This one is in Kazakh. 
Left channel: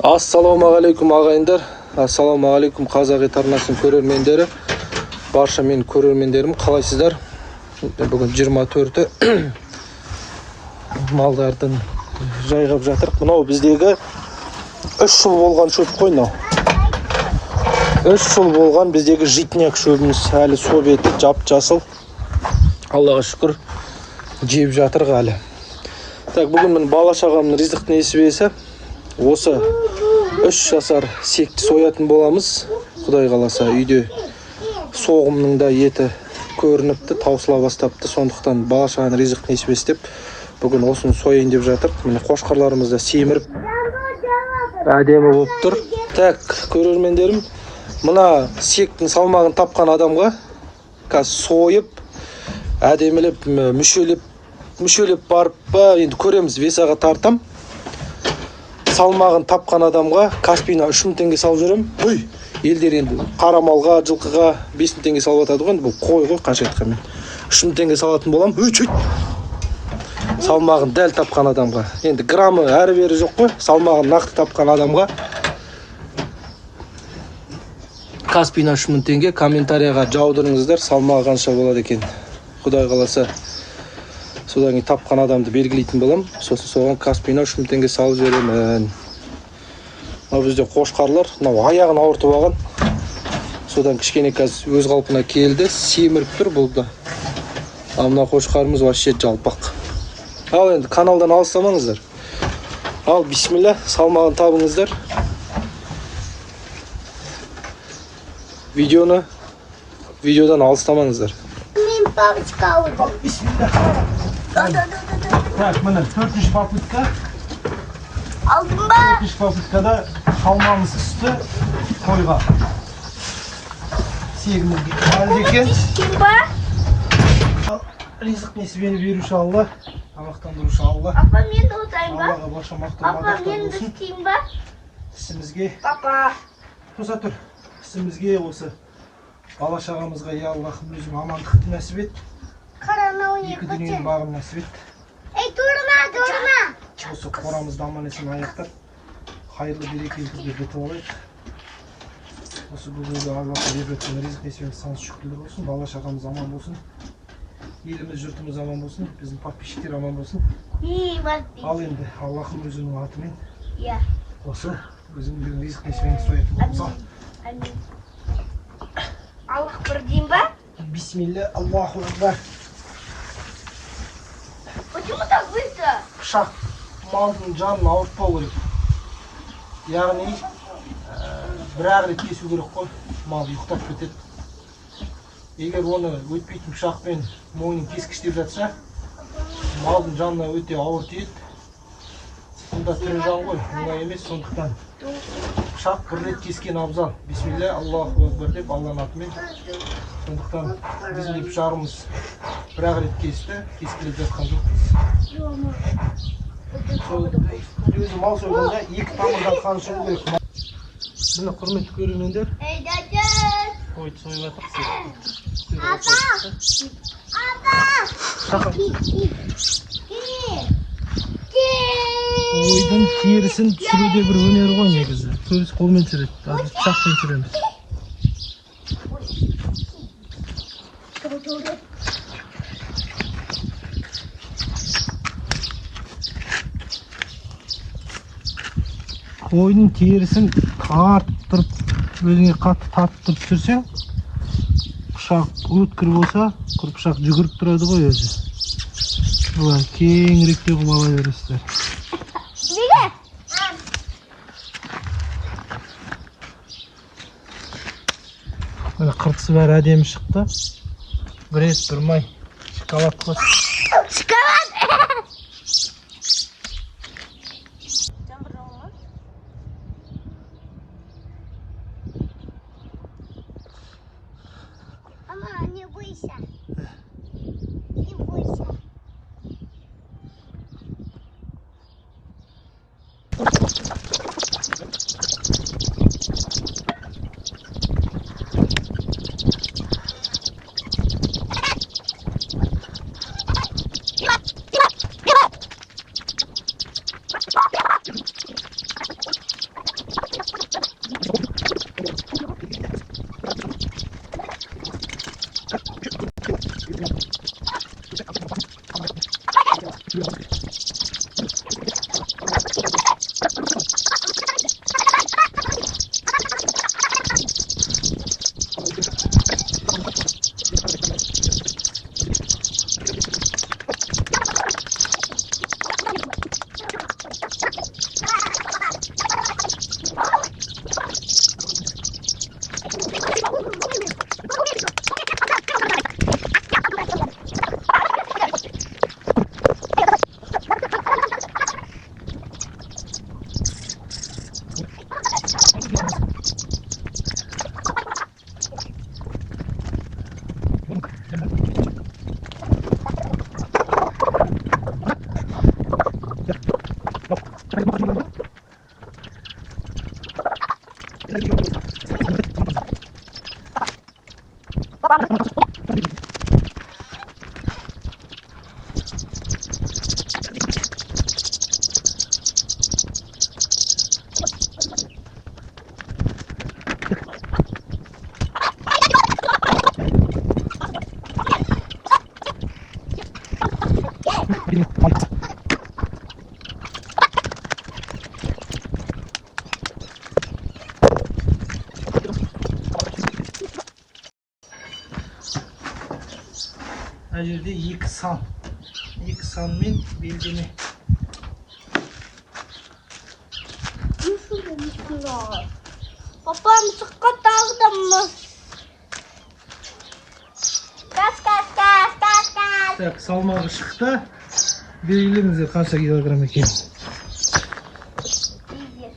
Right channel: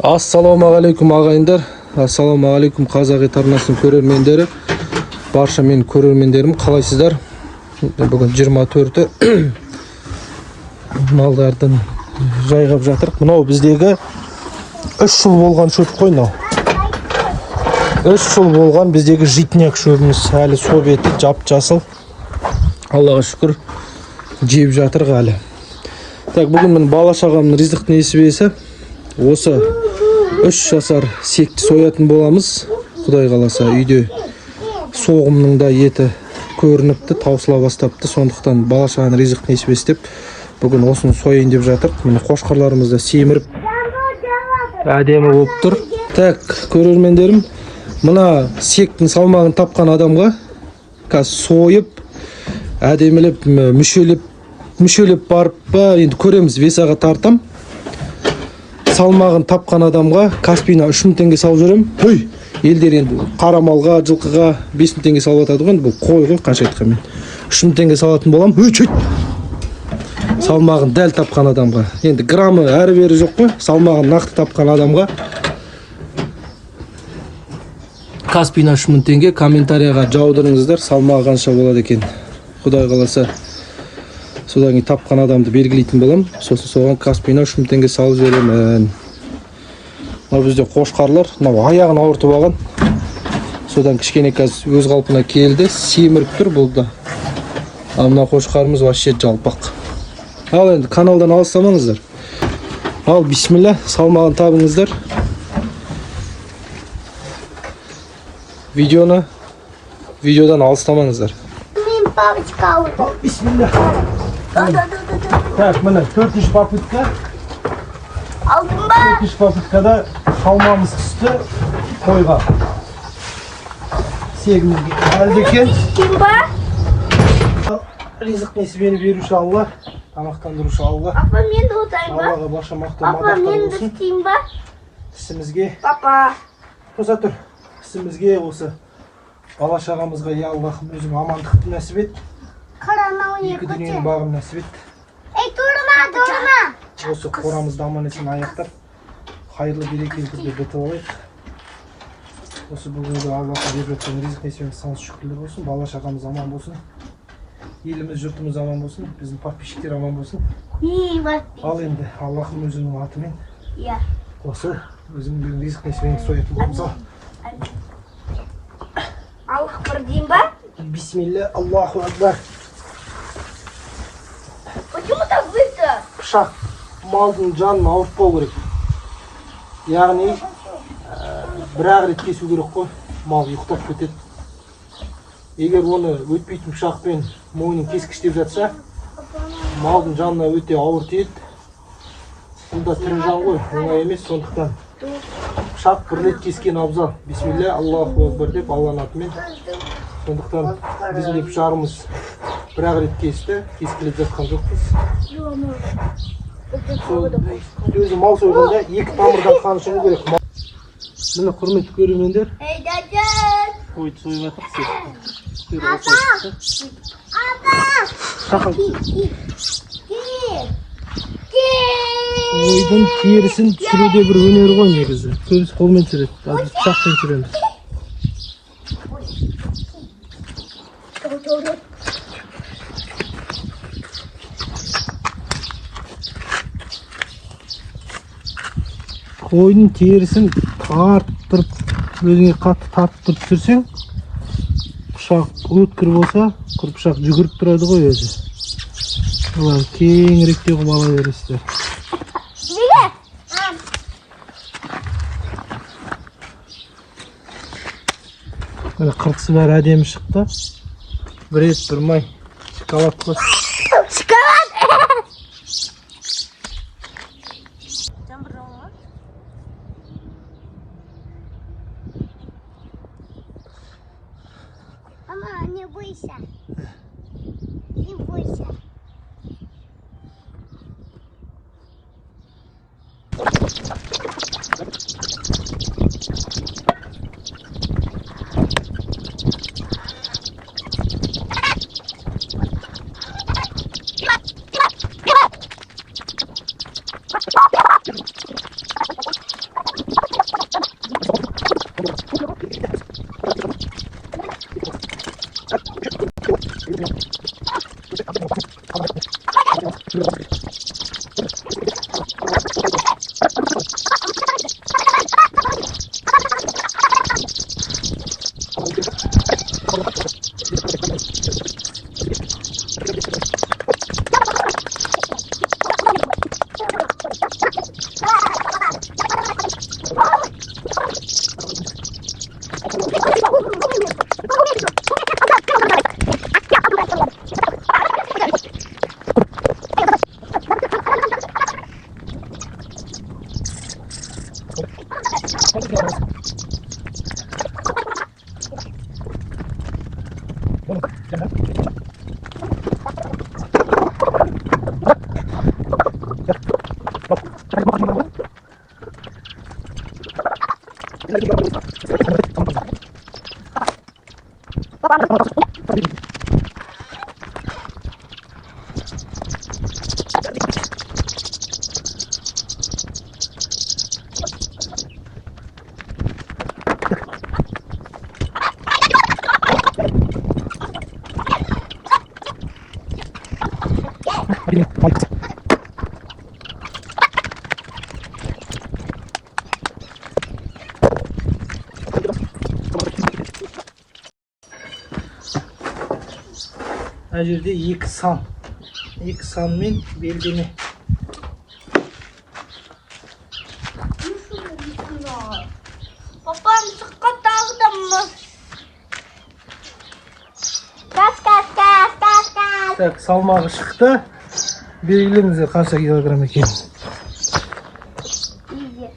Ассалаумағалейкум ағайындар, ассалаумағалейкум қазақ арнасының көрермендері, барша менің көрермендерім, қалайсыздар? Бүгін 24-і малдардың жайғап жатыр. Мынау біздегі 3 жыл болған шөп қой мынау. 3 жыл болған біздегі житняк шөбіміз, әлі собеті жап-жасыл. Аллаға шүкір жеп жатыр әлі. Так, бүгін мен бала-шағамның ризық несібесі. Осы 3 жасар секті соятын боламыз. Құдай қаласа үйде соғымның да еті көрініпті, таусыла бастапты. Сондықтан бала-шағаның ризық несібесі деп бүгін осыны сояйын деп жатыр. Міне қошқарларымыз да семіріп әдемі болып тұр. Так, көрермендерім, мына сектің салмағын тапқан адамға қазір сойып, әдемілеп, мүшелеп барып па, енді көреміз, весаға тартам. Салмағын тапқан адамға Каспийна 3000 теңге салып жүрем. Той, елдер енді қара малға, жылқыға 5000 теңге салып атады ғой, бұл қой ғой, қанша айтқан мен. 3000 теңге салатын болам. Салмағын дәл тапқан адамға. Енді граммы әрі-бері жоқ қой, салмағын нақты тапқан адамға Каспийна 3000 теңге комментарияға жаудырыңыздар, салмағы қанша болады екен. Құдай қаласа содан кейін тапқан адамды белгілейтін болам. Сосын соған Каспийна 3000 теңге салып жіберемін. Мынау бізде қошқарлар, мынау аяғын ауыртып алған. Содан кішкене қазір өз қалпына келді, семіріп тұр бұл да. Ал мына қошқарымыз вообще жалпақ. Ал енді каналдан алыстамаңыздар. Ал бисмилля, салмағын табыңыздар. Видеодан алыстамаңыздар. Мен папочка алды. Бисмилля. Так, міне 4-ші попытка. Алдың ба? 4-ші попыткада салмамыз түсті қойға. Сегімізге әлді екен. Тим ба? Ризық несібені беруші Алла, тамақтандырушы Алла. Папа, мен де отырайын ба? Аллаға баша мақтау Папа, мадақтар мен де болсын. істейін ба? Ісімізге, Папа. тоса тұр. Ісімізге осы бала-шағамызға я Аллахым өзің амандықты нәсіп ет. Екі дүниенің бағын нәсіп ет. Ей, тұрма. Осы қорамызды аман есен аяқтап, қайырлы берекелі түрде бітіп алайық. Осы бүгінгі Аллахы беріп жатқан ризық несібені сансыз шүкірлер болсын, бала-шағамыз аман болсын. Еліміз, жұртымыз аман болсын, біздің подписчиктер аман болсын. Ал енді Аллахым өзінің атымен осы өзінің ризық несібені соятын боламыз. Аллах бір дейін ба? Бисмилля, Аллаху акбар. Почему так быстро? Пышақ малдың жанын ауыртпау керек. Яғни бір-ақ рет кесу керек қой, мал ұйықтап кетеді. Егер оны өтпейтін пышақпен мойнын кескіштеп жатса, малдың жанына өте ауыр тиеді. Бұнда тірі жан ғой, оңай емес, сондықтан пышақ бір рет кескен абзал. Бисмилля, Аллаху акбар деп Алланың атымен. Сондықтан біздің де пышағымыз бір-ақ рет кесті, кескілеп жатқан жоқпыз. Өзі мал сойғанда 2 тамырдан қан шығу керек. Міне құрметті көрермендер, қойды сойып жатыр, сетті. Құйрығы сойып шықты. Тақал түседі. Қойдың терісін түсіруде бір өнері ғой негізі. Көбісі қолмен түсіреді, біз пышақпен түсіреміз. Қойдың терісін тарттырып, өзіңе қатты тарттырып түсірсең, пышақ өткір болса, құр пышақ жүгіріп тұрады ғой өзі. Олар кеңірек те қылып ала бересіздер. Міне қыртысы бәрі әдемі шықты. Бір ет, бір май, шоколад қос. Мама, не бойся. Не бойся. Her yerde yıksan. Yıksan men belgeni. Papam sıkı daldım mı? Kas. Так, салмағы шықты. Белгілеңіздер қанша килограмм екенін. İyi.